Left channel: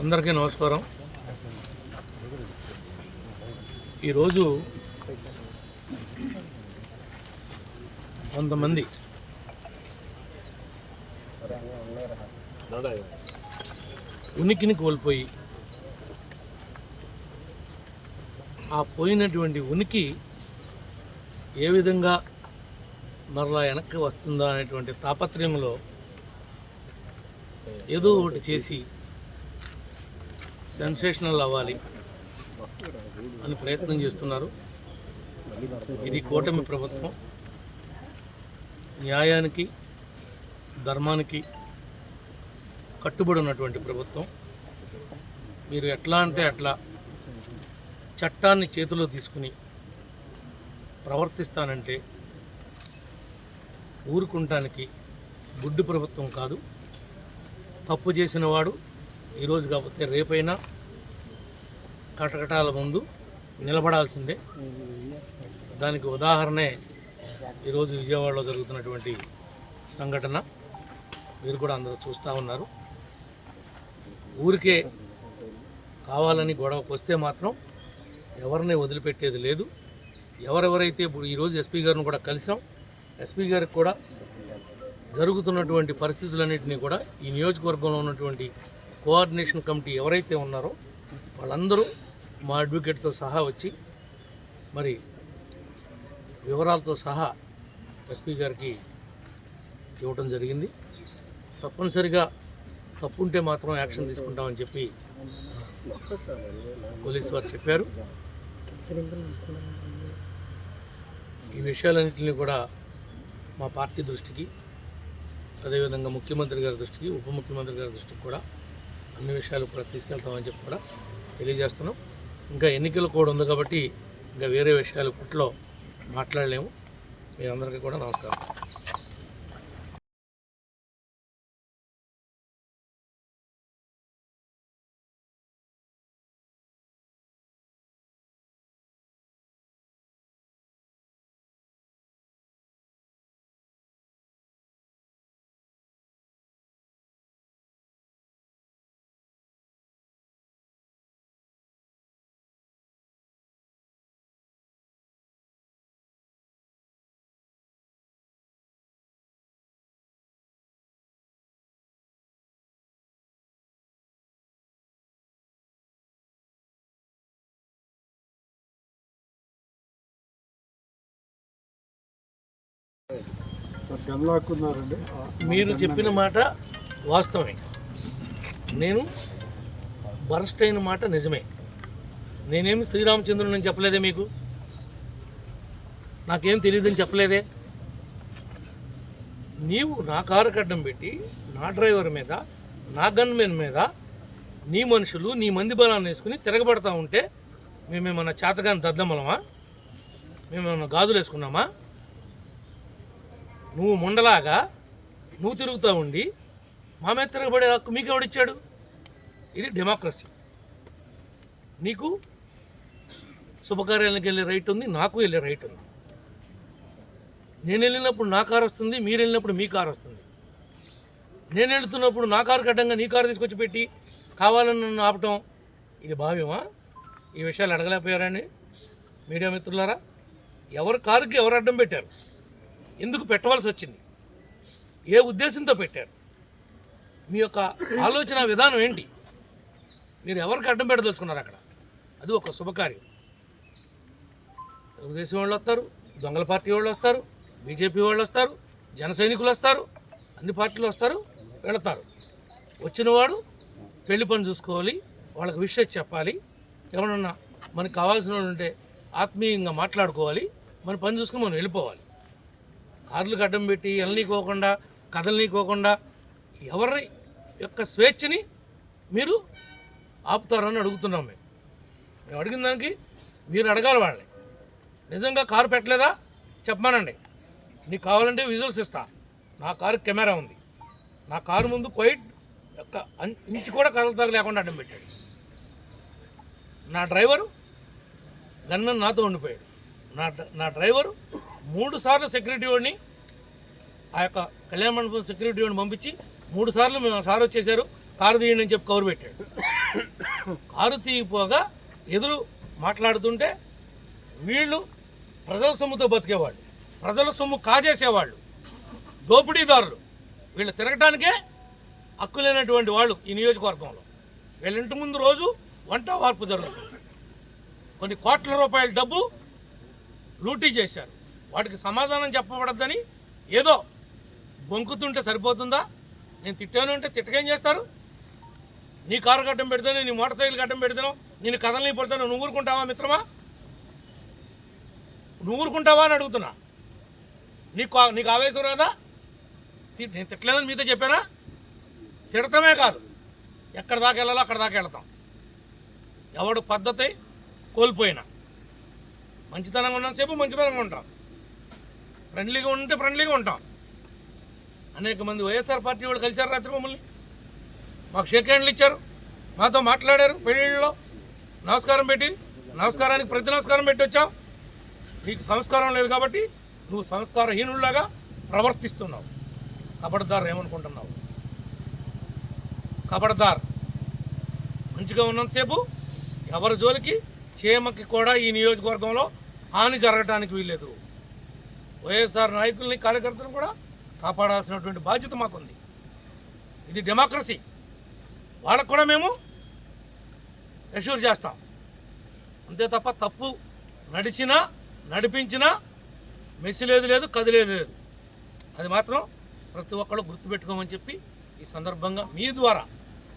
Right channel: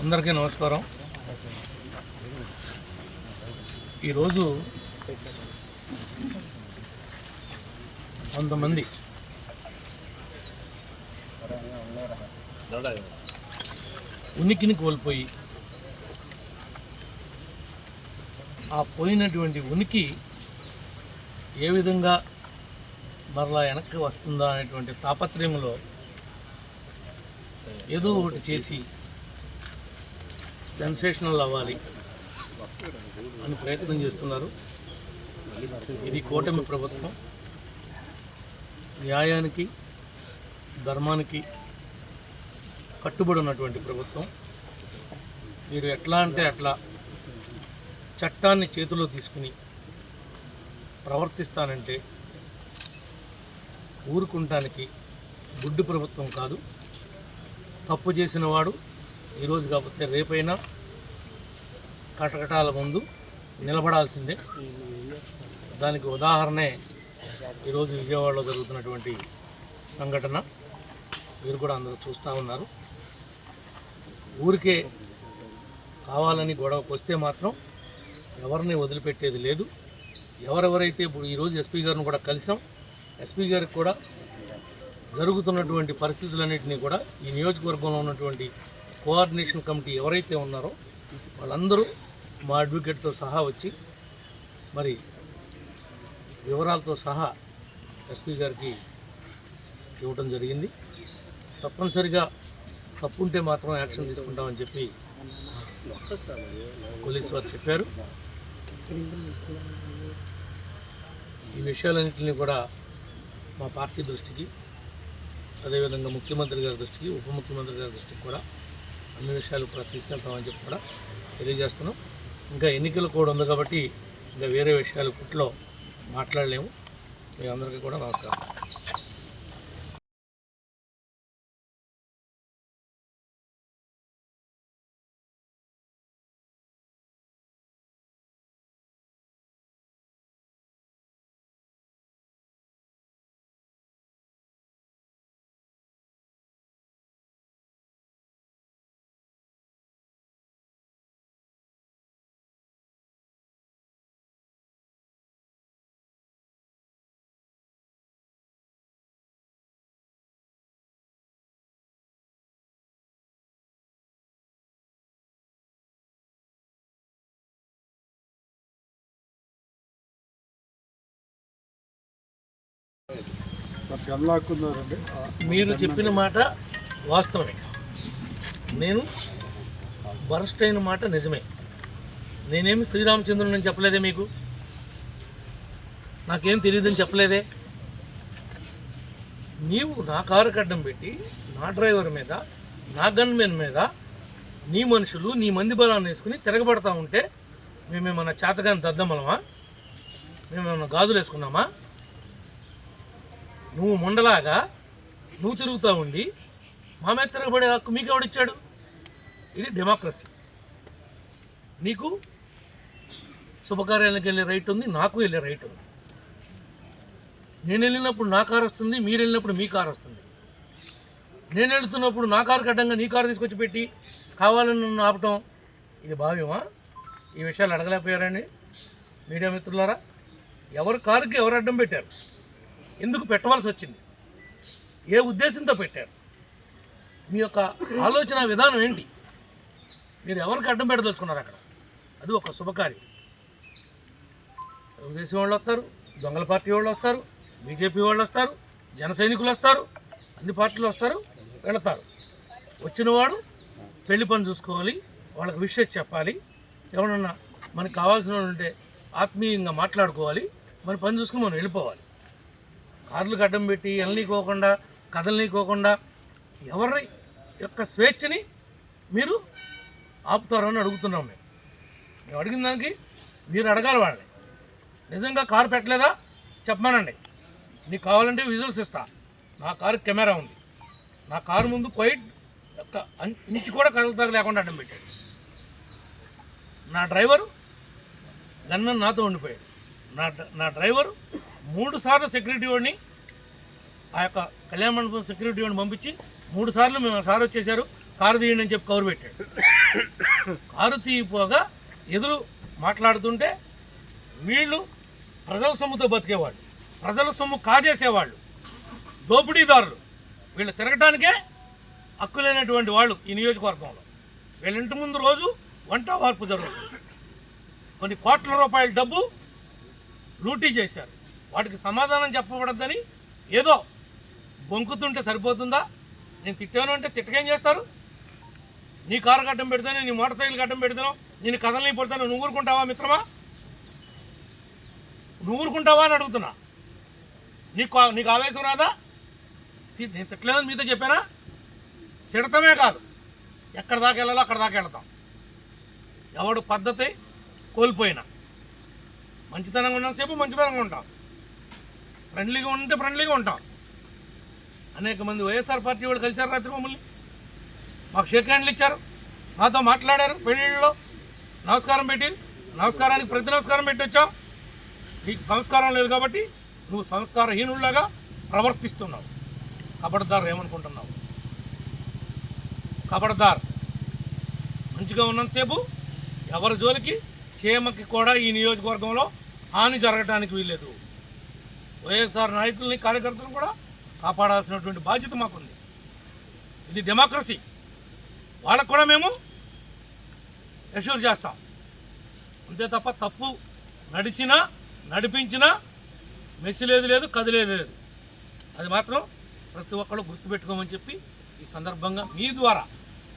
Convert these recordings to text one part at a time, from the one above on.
అందరికీ నమస్కారం. ఈరోజు కొంతమంది ఉనికిని కోల్పోయి ఆ పోయినటువంటి ఉనికి ఏ విధంగా మరలా వెనక్కి వస్తుందా అనేటువంటి తాపత్రయంలో ఏదో ఒకటి చేసి సెన్సేషనల్ అవ్వాలి అని ప్రయత్నం చేస్తున్నారు. ఇది కూటమి ప్రభుత్వం. న్యాయానికి ధర్మానికి కట్టుబడి ఉన్నటువంటి ప్రభుత్వం. మీరు ఎట్లా అంటే అట్లా చట్టాన్ని చేతిలో తీసుకుని ప్రవర్తిస్తానంటే ఊరుకుంటానికి గుడ్డు ప్రభుత్వం కాదు. తప్పు చేసిన వాడు ఈరోజు కాకపోతే రేపైనా కటకటాల ముందు నిలబడాల్సిందే. దానికి ఉదాహరణే ఈరోజు విజయవాడలో జరుగుతున్నటువంటి సంఘటన. మీరు కూడా అందరూ చూస్తూ ఉన్నారు. ఊరికే కావాలని గొడవకు వస్తే మాత్రం ఎవరిని వదిలిపెట్టేది లేదు. ఎవరెవరైతే ఇప్పుడు ఈరోజు ఎస్పీ గారిని కూడా కలిసాం. ఎస్పీ గారికి కూడా జరుగుతున్నటువంటి పరిస్థితులన్నింటినీ కూడా ఈ నియోజకవర్గంలో ఉన్నటువంటి కోఆర్డినేషన్ కమిటీ ఎవరైతే ఉన్నారో వాళ్ళందరూ మా అడ్వకేట్తో సహా వచ్చి మరి వివరాలతో సహా ఎస్పీ గారికి ఇవ్వటం జరిగింది. తప్పనిసరిగా తప్పుంటే మాత్రం యాక్షన్ తీసుకుంటామని చెప్పి పోలీసు వారు చెప్పారు. ఈ విషయాలన్నింటినీ కూడా మా పార్టీ దృష్టికి అదేవిధంగా ముఖ్యమంత్రి గారి దృష్టికి ఉప ముఖ్యమంత్రి గారి దృష్టికి కూడా అన్ని విషయాలు కూడా తీసుకెళ్తామని చెప్పి కూడా తెలియజేస్తున్నాం. ఇంకా ఎన్నికలు కూడా ఉంది కాబట్టి ఇంకా వేరే విషయాలు ఇప్పట్లో మాట్లాడలేము. మీ అందరికీ కూడా నమస్కారం. మీరు చెప్పిన మాట వాస్తవమే. నేను బరస్ట్ అయిన మాట నిజమే. నేనేమి శ్రీరామచంద్రుని చెప్పలేదే మీకు? నాకేం తెలియదని చెప్పలేదే? నీవు నా కారు కడ్డం పెట్టి నా డ్రైవర్ మీద నా గన్మెన్ మీద నీ మనుషులు నీ మంది బలాన్ని వేసుకుని తిరగబడతా ఉంటే మేమేమన్నా చేతగాని దద్దమలమా? మేమేమన్నా గాజులు వేసుకున్నామా? నువ్వు ముండలాగా నువ్వు తిరుగుతూ ఉండి మా మీద తిరగబడే హక్కు మీకెవడిచ్చాడు? ఇది డెమోక్రసీ నీకు శుభకార్యాలకు వెళ్ళే రైట్ ఉంది నాకు వెళ్ళే రైట్ ఉంది. నేను వెళ్ళినప్పుడు నా కారు వస్తుంది మీరు వెళ్ళినప్పుడు మీ కారు వస్తుంది. నేను వెళ్తున్నప్పుడు నా కారు కడ్డంగా నీ కారు తీసుకొచ్చి పెట్టి కావాలని నన్ను ఆపటం ఇది భావ్యమా? ఈ విషయాలు అడగలేకపోయారని మీడియా మిత్రులారా ఎవరు కారుకి ఎవరు అడ్డం పెట్టారు? ఎందుకు పెట్టవలసి వచ్చింది? ఏ ఉద్దేశంతో పెట్టారు? మీ యొక్క ఆలోచన విధానం ఏంటి? మీరు ఎవరికి అడ్డం పెట్టదలుచుకున్నారు అక్కడ? అది ఒక శుభకార్యం. తెలుగుదేశం వాళ్ళు వస్తారు దొంగల పార్టీ వాళ్ళు వస్తారు బీజేపీ వాళ్ళు వస్తారు జన సైనికులు వస్తారు అన్ని పార్టీలు వస్తారు వెళతారు. వచ్చినవాడు పెళ్ళి పని చూసుకోవాలి వాళ్ళకి విషయం చెప్పాలి ఎవరన్నా మనకు కావాల్సిన వాళ్ళు ఉంటే ఆత్మీయంగా మాట్లాడుకోవాలి మన పని చూసుకుని మనం వెళ్ళిపోవాలి. కార్లు అడ్డం పెట్టి ఎల్నీకోకుండా కదలనీకోకుండా ఎవరి యొక్క స్వేచ్ఛని మీరు ఆపుతారని అడుగుతున్నాం మేము. మేము అడిగిన దానికి మీరు అడగాలి వాళ్ళని. నిజంగా కారు పెట్టలేదా? చెప్పమానండి. నీకు కావాలంటే విజువల్స్ ఇస్తా. నా కారు కెమెరా ఉంది. నా కారు ముందు క్వైట్ యొక్క ఇంచు కూడా కదలతాగ లేకుండా అడ్డం పెట్టాడు. నా డ్రైవరు గన్మన్ నాతో ఉండిపోయాడు. నా నా డ్రైవరు మూడు సార్లు సెక్యూరిటీ వాడిని ఆ యొక్క కళ్యాణ మండపం సెక్యూరిటీ వాడిని పంపించి మూడు సార్లు మేము సార్ వచ్చేసారు. కారు తీయండి అని చెప్పి కౌరు పెట్టాడు. కారు తీయిపోగా ఎదురు మాట్లాడుతుంటే వీళ్ళు ప్రజల సొమ్ముతో బతికేవాళ్ళు ప్రజల సొమ్ము కాజేసేవాళ్ళు దోపిడీదారులు. వీళ్ళు తిరగటానికే హక్కు లేనటువంటి వాళ్ళు ఈ నియోజకవర్గంలో. వీళ్ళ ఇంటి ముందు రోజు వంట వార్పు జరుగుతుంది. కొన్ని కోట్ల రూపాయల డబ్బు లూటీ చేశారు. వాటికి సమాధానం చెప్పబడద్దని ఏదో బొంకుతుంటే సరిపోతుందా? నేను తిట్టాను అంటే తిట్టకేం చేస్తారు? నీ కారు గడ్డం పెడతాను నీ మోటార్ సైకిల్ గడ్డం పెడతాను నేను కథల్ని పడతాను నువ్వు ఊరుకుంటావా మిత్రమా? నువ్వు ఊరుకుంటావా అని అడుగుతున్నా. నీకు నీకు ఆవేశం రాదా? నేను తిట్టలేదని మీతో చెప్పానా? తిడతమే కాదు. ఎక్కడ దాకా వెళ్ళాలో అక్కడ దాకా వెళ్తాం. ఎవడు పద్ధతి కోల్పోయినా. మంచితనంగా ఉన్నంతసేపు మంచితనంగా ఉంటాం. ఫ్రెండ్లీగా ఉంటే ఫ్రెండ్లీగా ఉంటాం. అనేక మంది వైఎస్ఆర్ పార్టీ వాళ్ళు కలిశారు రాత్రి మమ్మల్ని. మాకు షేక్ హ్యాండ్లు ఇచ్చారు. మాతో మాట్లాడారు పెళ్ళిళ్ళలో నమస్కారం పెట్టి నమస్కారానికి ప్రతి నమస్కారం పెట్టి వచ్చాం. నీకు సంస్కారం లేదు కాబట్టి నువ్వు సంస్కారహీనుల్లాగా ప్రవర్తిస్తున్నావు. కబడ్దార్ ఏమనుకుంటున్నావు? కబడ్దార్ మంచిగా ఉన్నంతసేపు ఎవరి జోలికి క్షేమకి కూడా ఈ నియోజకవర్గంలో హాని జరగటానికి వీల్లేదు. వైఎస్ఆర్ నాయకుల్ని కార్యకర్తలను కూడా కాపాడాల్సినటువంటి బాధ్యత మాకుంది. ఇది డెమోక్రసీ. వాళ్ళకు కూడా మేము ఎష్యూర్ చేస్తాం. అంతే తప్ప తప్పు నడిచినా నడిపించినా మెసిలేదు లేదు లేదు కదిలేదు లేదు. అది మాత్రం ప్రతి ఒక్కరు గుర్తుపెట్టుకోమని చెప్పి ఈ సందర్భంగా మీ ద్వారా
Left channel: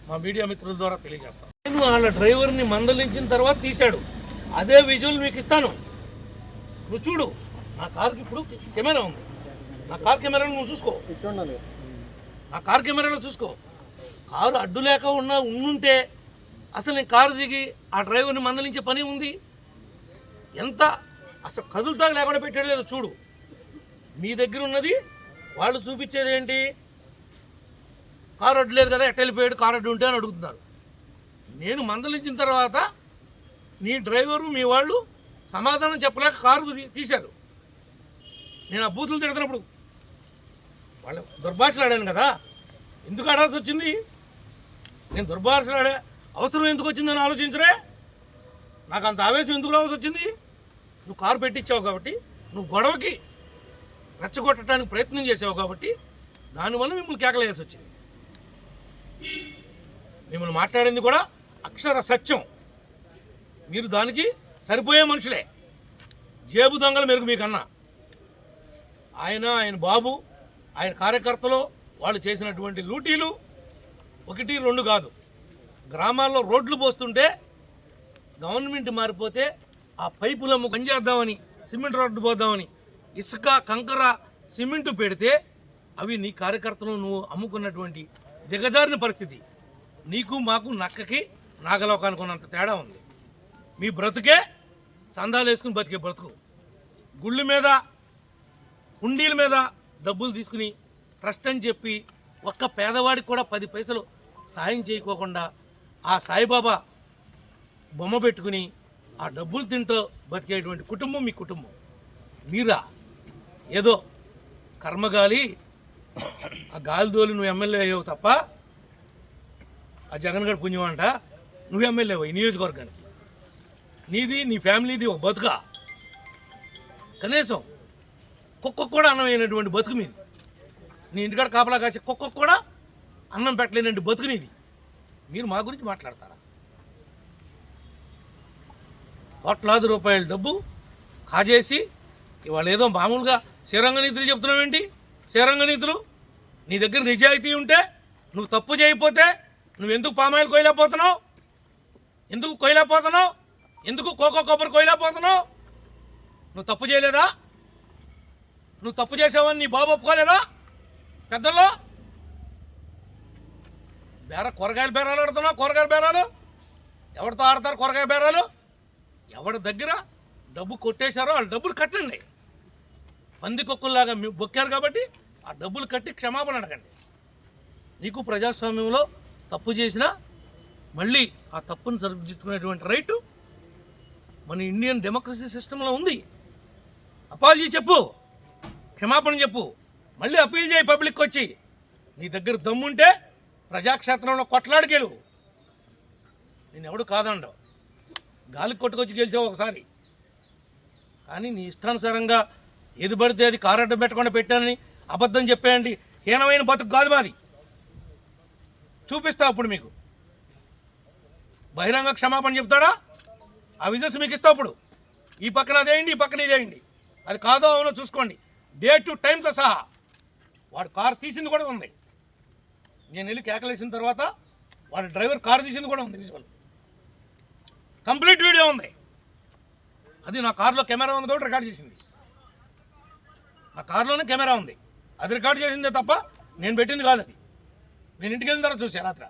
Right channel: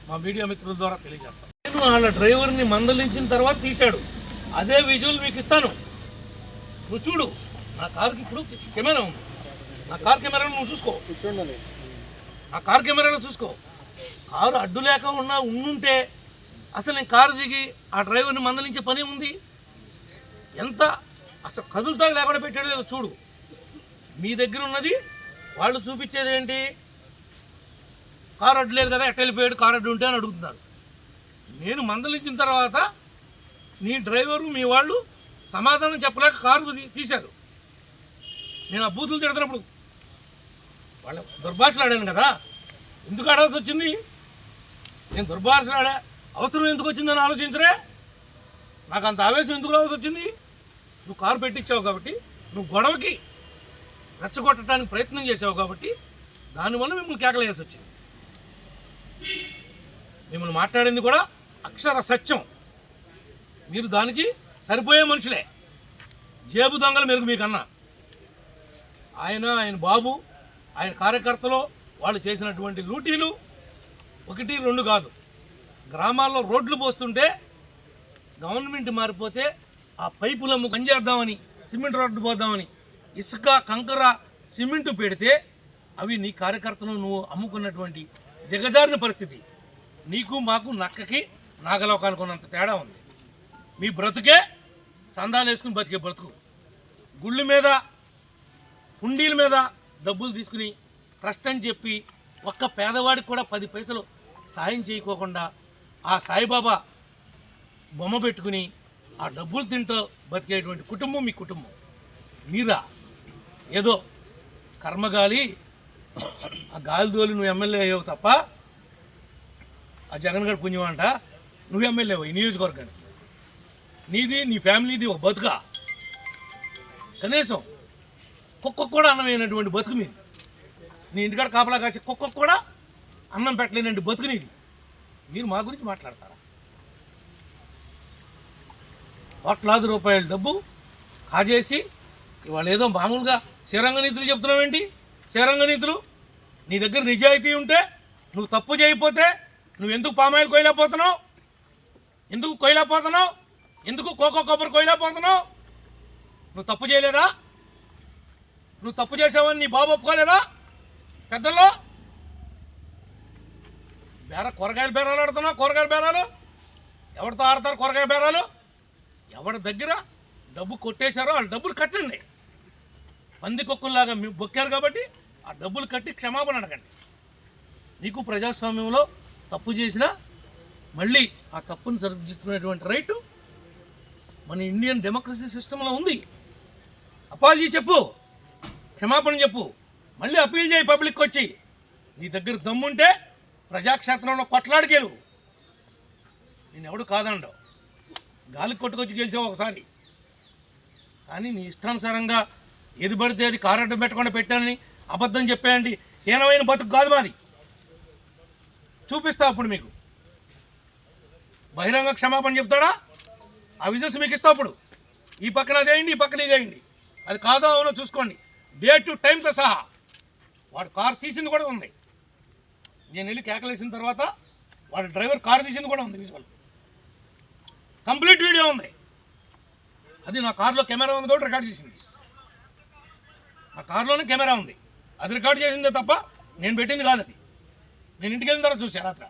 మా మీడియా మిత్రుల ద్వారా తెలియజేస్తాం. నేను వాళ్ళ డ్రైవర్ని మందలించిన తర్వాత తీశాడు. అదే విజువల్ మీకు ఇస్తాను. నువ్వు చూడు. నా కార్కి ఇప్పుడు కెమెరా ఉంది. నా కార్ కెమెరాను నువ్వు చూసుకో. నా కార్ కెమెరాలో చూసుకో. కారు అడ్డు లేక ఉన్నా ఉండుంటే అసలు నేను కారు దిగి ఆ డ్రైవర్ని మందలించే పని ఉంది? ఎంత? అసలు కదులుతా లేకుండా పెట్టాడు లేదో చూడు. మీ దగ్గర ఉన్నది వాళ్ళు చూపించేది ఏంటి? కారు అడ్డు లేదు కదా ఎట్ట వెళ్ళిపోయాడు కారు అడ్డు ఉంటే అని అడుగుతున్నారు. నేను మందలించిన తర్వాత నీ డ్రైవరు మీ వాళ్ళు సమాధానం చెప్పలేక కారు తీశారు. నేను ఆ బూతులు తిడుతున్నప్పుడు వాళ్ళ దుర్భాషలు ఆడాను కదా. ఎందుకు ఆడాల్సి వచ్చింది? నేను దుర్భాషలు ఆడా అవసరం ఎందుకు వచ్చిందని ఆలోచించరే? నాకు అంత ఆవేశం ఎందుకు రావాల్సి వచ్చింది? నువ్వు కారు పెట్టించావు కాబట్టి నువ్వు గొడవకి రెచ్చగొట్టడానికి ప్రయత్నం చేసావు కాబట్టి దానివల్ల మిమ్మల్ని కేకలేయాల్సి వచ్చింది. మిమ్మల్ని మాట్లాడింది కూడా అక్షర సత్యం. మీరు దానికి సరిపోయే మనుషులే. జేబు దొంగలు మెరుగు మీకన్నా. ఆయన ఆయన బాబు ఆయన కార్యకర్తలు వాళ్ళు చేసినటువంటి లూటీలు ఒకటి రెండు కాదు. గ్రామాల్లో రోడ్లు పోస్తుంటే గవర్నమెంట్ మారిపోతే ఆ పైపులమ్ము పనిచేద్దామని సిమెంట్ రోడ్డు పోద్దామని ఇసుక కంకర సిమెంటు పెడితే అవి నీ కార్యకర్తలు నువ్వు అమ్ముకున్నటువంటి దిగజారిన పరిస్థితి. నీకు మాకు నక్కకి నాగలోకానికి ఉన్నంత తేడా ఉంది. మీ బ్రతుకే చందాలు వేసుకుని బతికే బ్రతుకు. గుళ్ళు మీద హుండీల మీద డబ్బులు తీసుకుని ట్రస్ట్ అని చెప్పి ఒక్క పేదవాడికి కూడా పది పైసలు సాయం చేయకోకుండా ఆ సాయిబాబా బొమ్మ పెట్టుకుని ఆ డబ్బులు తింటూ బతికేటువంటి కుటుంబం మీ కుటుంబం. మీరా? ఏదో కర్మగాలి ఆ గాలి దోలి నువ్వు ఎమ్మెల్యే అయ్యావు తప్ప ఆ జగన్ గారి పుణ్యం అంట నువ్వు ఎమ్మెల్యే ఈ నియోజకవర్గానికి. నీది నీ ఫ్యామిలీది ఒక బతుక. కనీసం కుక్కకు కూడా అన్నం అయినటువంటి బతుకు మీది. నీ ఇంటికాడ కాపలా కాసే కుక్కకు కూడా అన్నం పెట్టలేనండి బతుకు నీది. మీరు మా గురించి మాట్లాడతారా? కోట్లాది రూపాయల డబ్బు కాజేసి ఇవాళ ఏదో మామూలుగా శ్రీరంగ నీతులు చెప్తున్నావేంటి శ్రీరంగ నీతులు? నీ దగ్గర నిజాయితీ ఉంటే నువ్వు తప్పు చేయకపోతే నువ్వు ఎందుకు పామాయిల్ కొయ్యలేకపోతున్నావు? ఎందుకు కొయ్యలేకపోతున్నావు? ఎందుకు కోకో కొబ్బరి కొయ్యలేకపోతున్నావు? నువ్వు తప్పు చేయలేదా? నువ్వు తప్పు చేసావని నీ బాబు ఒప్పుకోలేదా? పెద్దల్లో? బేర కూరగాయల బేరాలు ఆడుతున్నావు కూరగాయల బేరాలు? ఎవరితో ఆడతారు కూరగాయల బేరాలు? ఎవరి దగ్గర డబ్బు కొట్టేశారో వాళ్ళ డబ్బులు కట్టండి. పంది కుక్కల్లాగా బొక్కారు కాబట్టి ఆ డబ్బులు కట్టి క్షమాపణ అడగండి. నీకు ప్రజాస్వామ్యంలో తప్పు చేసినా మళ్ళీ ఆ తప్పును సరిదిద్దుకునేటువంటి రైటు మన ఇండియన్ డెమోక్రసీ సిస్టంలో ఉంది. అపాలజీ చెప్పు. క్షమాపణ చెప్పు. మళ్ళీ అప్పీల్ చేయి పబ్లిక్ వచ్చి. నీ దగ్గర దమ్ముంటే ప్రజాక్షేత్రంలో కొట్లాడికెళ్ళు. నేను ఎవడు కాదండవు గాలి కొట్టుకొచ్చి గెలిచావు ఒకసారి. కానీ నీ ఇష్టానుసారంగా ఏది పడితే అది కారడ్డం పెట్టకుండా పెట్టానని అబద్ధం చెప్పేయండి. హీనమైన బతుకు కాదు మాది. చూపిస్తా అప్పుడు మీకు. బహిరంగ క్షమాపణ చెప్తాడా? ఆ విజన్స్ మీకు ఇస్తా అప్పుడు. ఈ పక్కన అదేయండి ఈ పక్కన ఇదేయండి అది కాదో అవునో చూసుకోండి. డే టు టైంతో సహా వాడు కారు తీసింది కూడా ఉంది. నేను వెళ్ళి కేకలేసిన తర్వాత వాడు డ్రైవర్ కారు తీసింది కూడా ఉంది విజువల్ కంప్లీట్ వీడియో ఉంది. అది నా కారులో కెమెరా ఉంది కూడా రికార్డ్ చేసింది. నా కారులోనే కెమెరా ఉంది. అది రికార్డ్ చేసిందే తప్ప నేను పెట్టింది కాదు అది. నేను ఇంటికి వెళ్ళిన తర్వాత చూసా రాత్రి.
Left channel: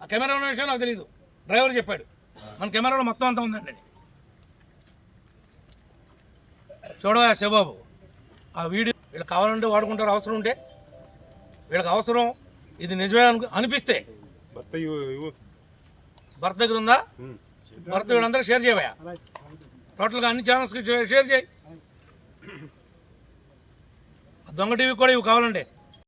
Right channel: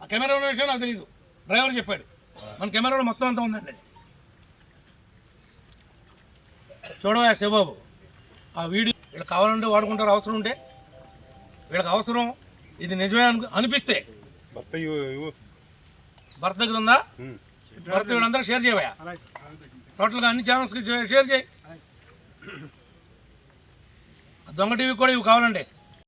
ఆ కెమెరా ఉన్న విషయం నాకు తెలియదు డ్రైవర్ చెప్పాడు. మన కెమెరాలో మొత్తం అంతా ఉందండి చూడవా శివబాబు? ఆ వీడియో వీళ్ళకి కావాలంటే వాడుకుంటారు అవసరం ఉంటే. వీళ్ళకి అవసరం ఇది నిజమే అను అనిపిస్తే. భర్త భర్త దగ్గర ఉందా? భర్త వీళ్ళందరూ షేర్ చేయవా టోటల్గా అన్ని ఛానల్స్కి షేర్ చేయి. ఆ దొంగ టీవీ కూడా ఇవి కావాలండి